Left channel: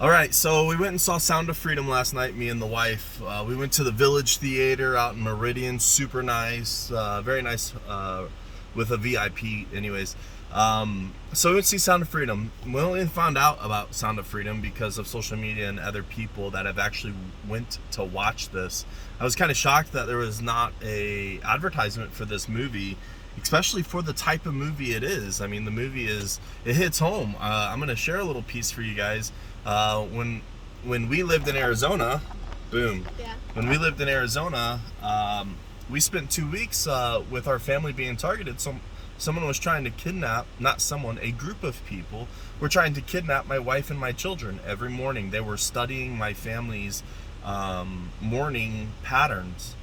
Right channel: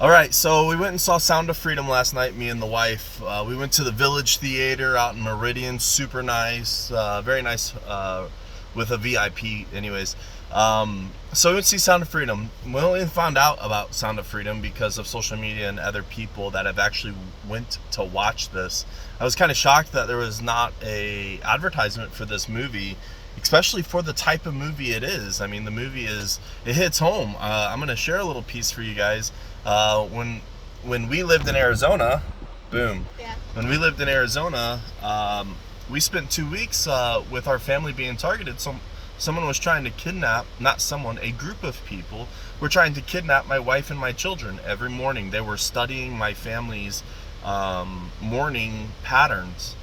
All right, so we went and saw Sound of Freedom last night, me and the wife. We went to the Village Theater out in Meridian, super nice, very nice, with a VIP, anyways. So we went to see Sound of Freedom. We only found out about Sound of Freedom because of social media and other people that have actually went to watch this. I was kind of shocked that there was not a advertisement for this movie, especially for the type of movie it is. I mean, it hits home. I'm gonna share a little piece for you guys. When we lived in Arizona, boom. Yeah. When we lived in Arizona, we spent 2 weeks with our family being targeted. Someone was trying to kidnap, not someone, a group of people were trying to kidnap my wife and my children every morning. They were studying my family's morning patterns.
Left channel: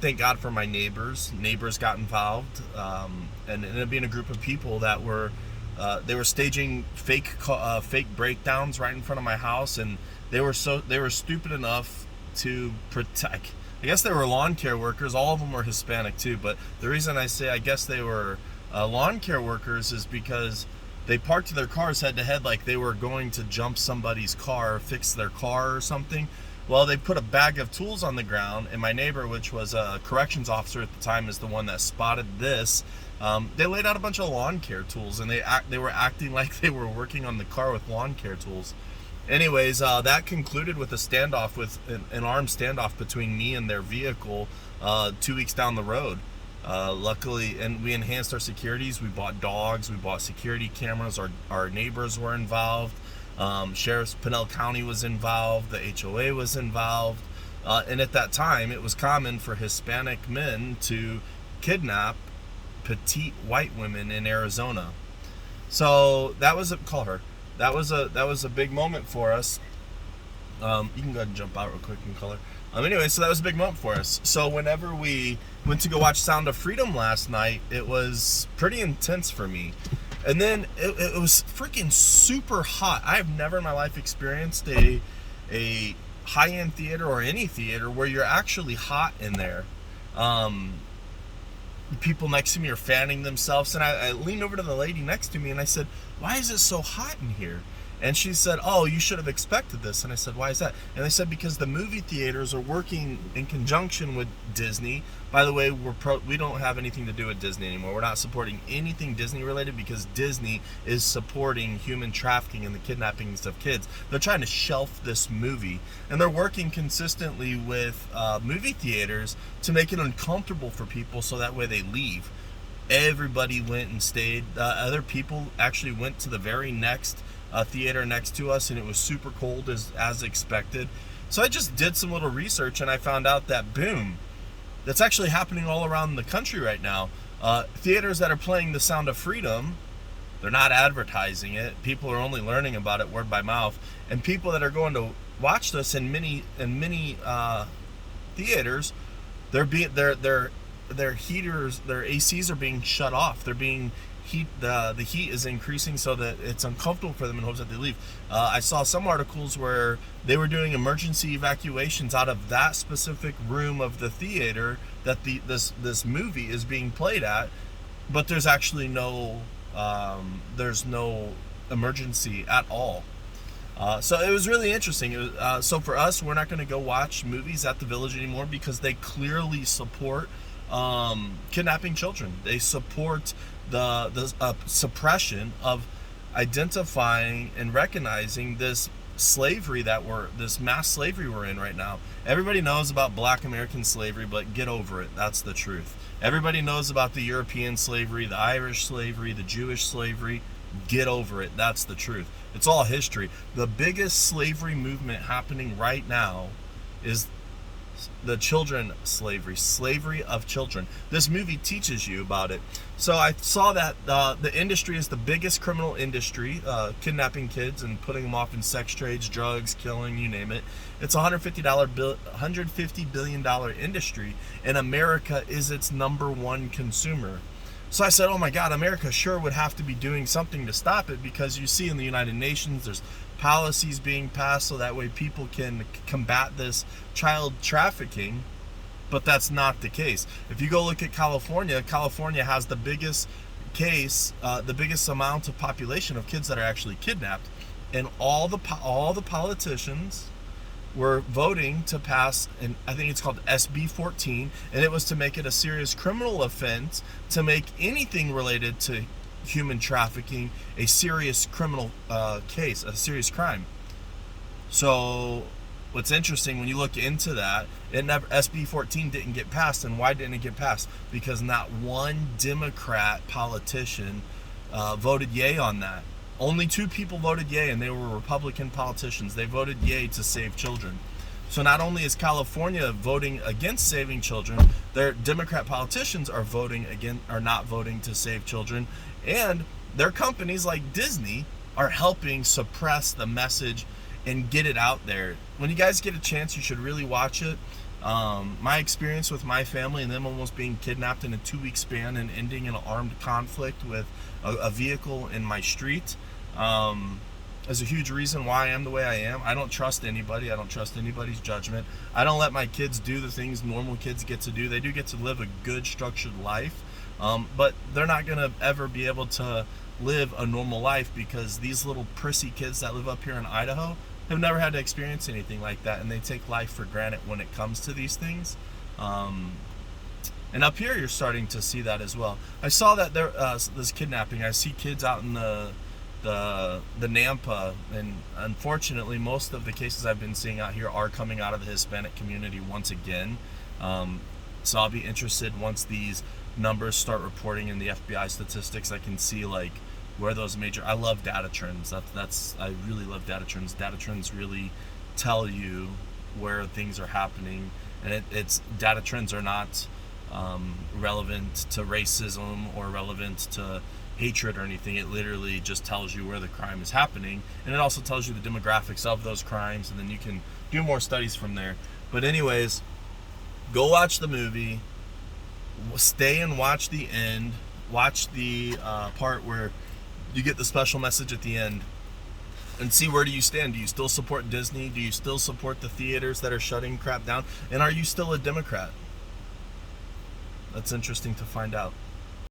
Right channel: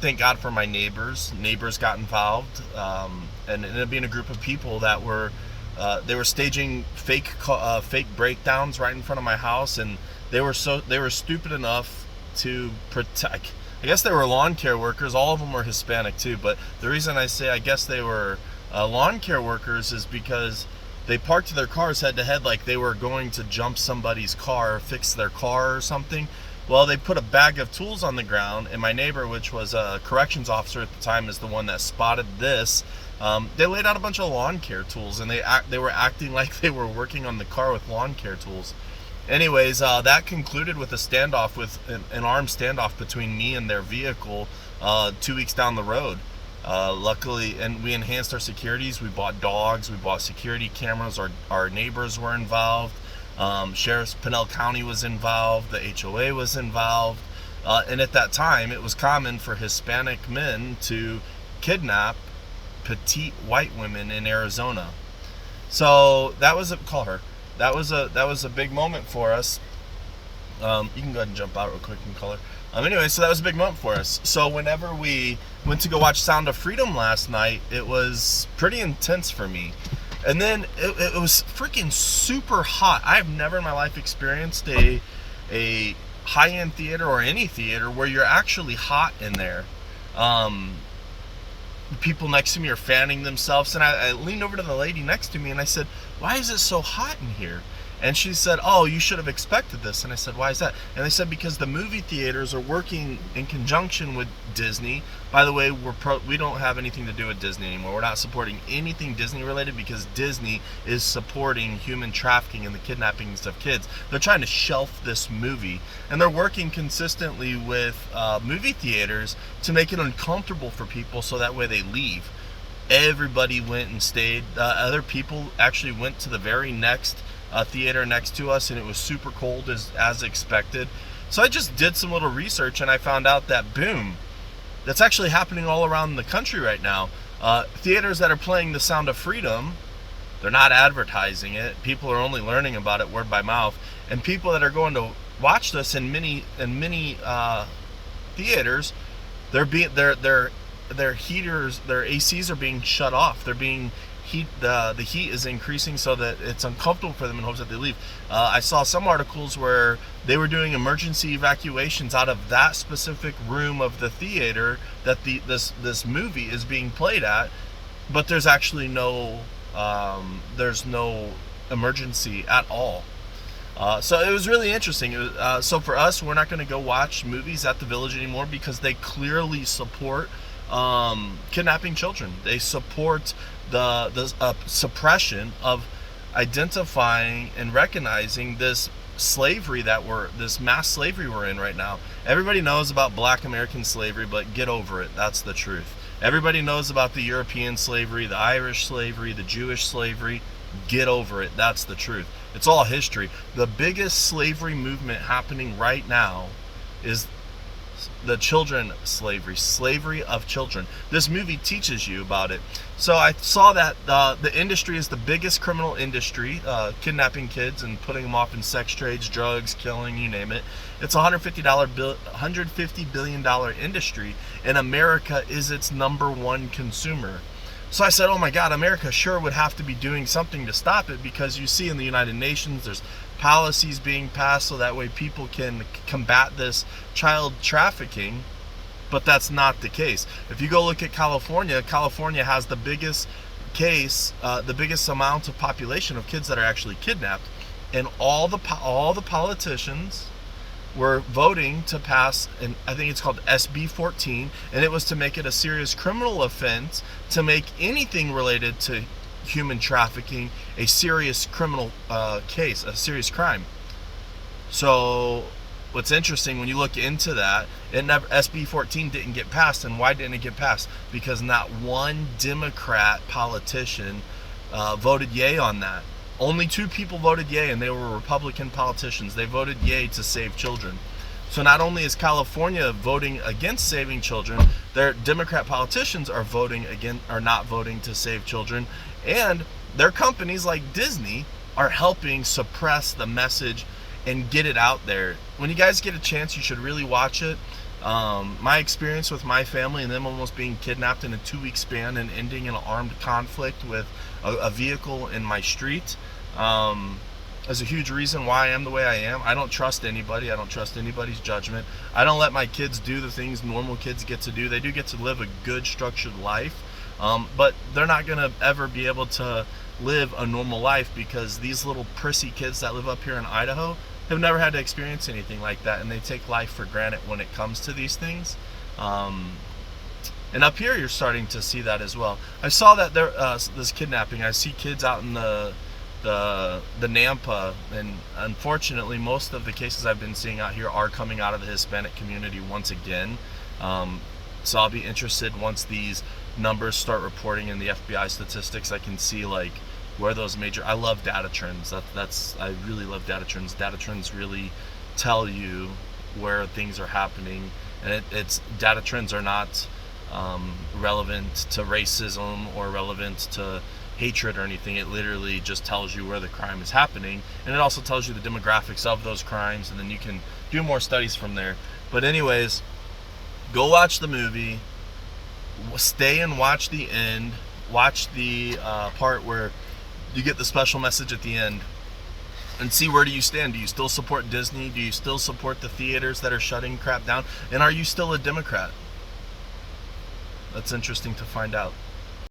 Thank God for my neighbors. Neighbors got involved, and it ended up being a group of people that were they were staging fake breakdowns right in front of my house, and they were stupid enough to protect. I guess they were lawn care workers. All of them were Hispanic too, but the reason I say I guess they were lawn care workers is because they parked their cars head to head like they were going to jump somebody's car, fix their car or something. Well, they put a bag of tools on the ground, and my neighbor, which was a corrections officer at the time, is the one that spotted this. They laid out a bunch of lawn care tools, and they were acting like they were working on the car with lawn care tools. Anyways, that concluded with a standoff, with an armed standoff between me and their vehicle 2 weeks down the road. Luckily, and we enhanced our securities. We bought dogs, we bought security cameras. Our neighbors were involved. Sheriff's Pinell County was involved. The HOA was involved. And at that time, it was common for Hispanic men to kidnap petite white women in Arizona. So that was call her. That was a big moment for us. You can go ahead and jump out real quick and call her. Anyway, so that was a big moment for us. So whenever we went to go watch Sound of Freedom last night, it was pretty intense for me. And then it was freaking super hot. I have never in my life experienced a high-end theater or any theater where you're actually hot in there. People next to me are fanning themselves, and I leaned over to the lady next to me and I said, "Why is it so hot in here?" And she said, "Oh, you should have expected this." And I said, "Why is that?" And they said, "Because the movie theaters are working in conjunction with Disney." By the way, we don't have anything to do with Disney anymore. We're not supporting anything Disney related because Disney is supporting human trafficking and the kidnappings of kids. They're trying to shelf this movie, and they're working consistently with movie theaters to make it uncomfortable for people so that way they leave. Everybody went and stayed. Other people actually went to the very next theater next to us, and it was super cold as expected. So I just did some little research, and I found out that boom, that's actually happening all around the country right now. Theaters that are playing The Sound of Freedom, they're not advertising it. People are only learning about it word by mouth, and people that are going to watch this in many theaters, their heaters, their ACs are being shut off. They're being the heat is increasing so that it's uncomfortable for them in hopes that they leave. I saw some articles where they were doing emergency evacuations out of that specific room of the theater that this movie is being played at, but there's actually no emergency at all. So it was really interesting. So for us, we're not going to go watch movies at the Village anymore because they clearly support kidnapping children. They support the suppression of identifying and recognizing this mass slavery we're in right now. Everybody knows about Black American slavery, but get over it. That's the truth. Everybody knows about the European slavery, the Irish slavery, the Jewish slavery. Get over it. That's the truth. It's all history. The biggest slavery movement happening right now is the children slavery of children. This movie teaches you about it. So I saw that the industry is the biggest criminal industry, kidnapping kids and putting them off in sex trades, drugs, killing, you name it. It's a $150 billion industry, and America is its number one consumer. So I said, oh my God, America sure would have to be doing something to stop it, because you see in the United Nations there's policies being passed so that way people can combat this child trafficking, but that's not the case. If you go look at California, California has the biggest amount of population of kids that are actually kidnapped. and all the politicians were voting to pass, and I think it's called SB 14, and it was to make it a serious criminal offense to make anything related to human trafficking a serious criminal case, a serious crime. So what's interesting when you look into that, SB 14 didn't get passed. And why didn't it get passed? Because not one Democrat politician voted yay on that. Only 2 people voted yay, and they were Republican politicians. They voted yay to save children. So not only is California voting against saving children, their Democrat politicians are not voting to save children, and their companies like Disney are helping suppress the message and get it out there. When you guys get a chance, you should really watch it. My experience with my family and them almost being kidnapped in a 2-week span and ending in an armed conflict with a vehicle in my street is a huge reason why I am the way I am. I don't trust anybody. I don't trust anybody's judgment. I don't let my kids do the things normal kids get to do. They do get to live a good, structured life, but they're not going to ever be able to live a normal life because these little prissy kids that live up here in Idaho have never had to experience anything like that, and they take life for granted when it comes to these things. And up here, you're starting to see that as well. I saw that there this kidnapping. I see kids out in the Nampa, and unfortunately, most of the cases I've been seeing out here are coming out of the Hispanic community once again. So I'll be interested once these numbers start reporting in the FBI statistics. I can see like where those major. I love data trends. I really love data trends. Data trends really tell you where things are happening, and it's data trends are not relevant to racism or relevant to hatred or anything. It literally just tells you where the crime is happening, and it also tells you the demographics of those crimes, and then you can do more studies from there. But anyways, go watch the movie, stay and watch the end, watch the part where you get the special message at the end, and see where do you stand. Do you still support Disney? Do you still support the theaters that are shutting crap down? And are you still a Democrat? That's interesting to find out.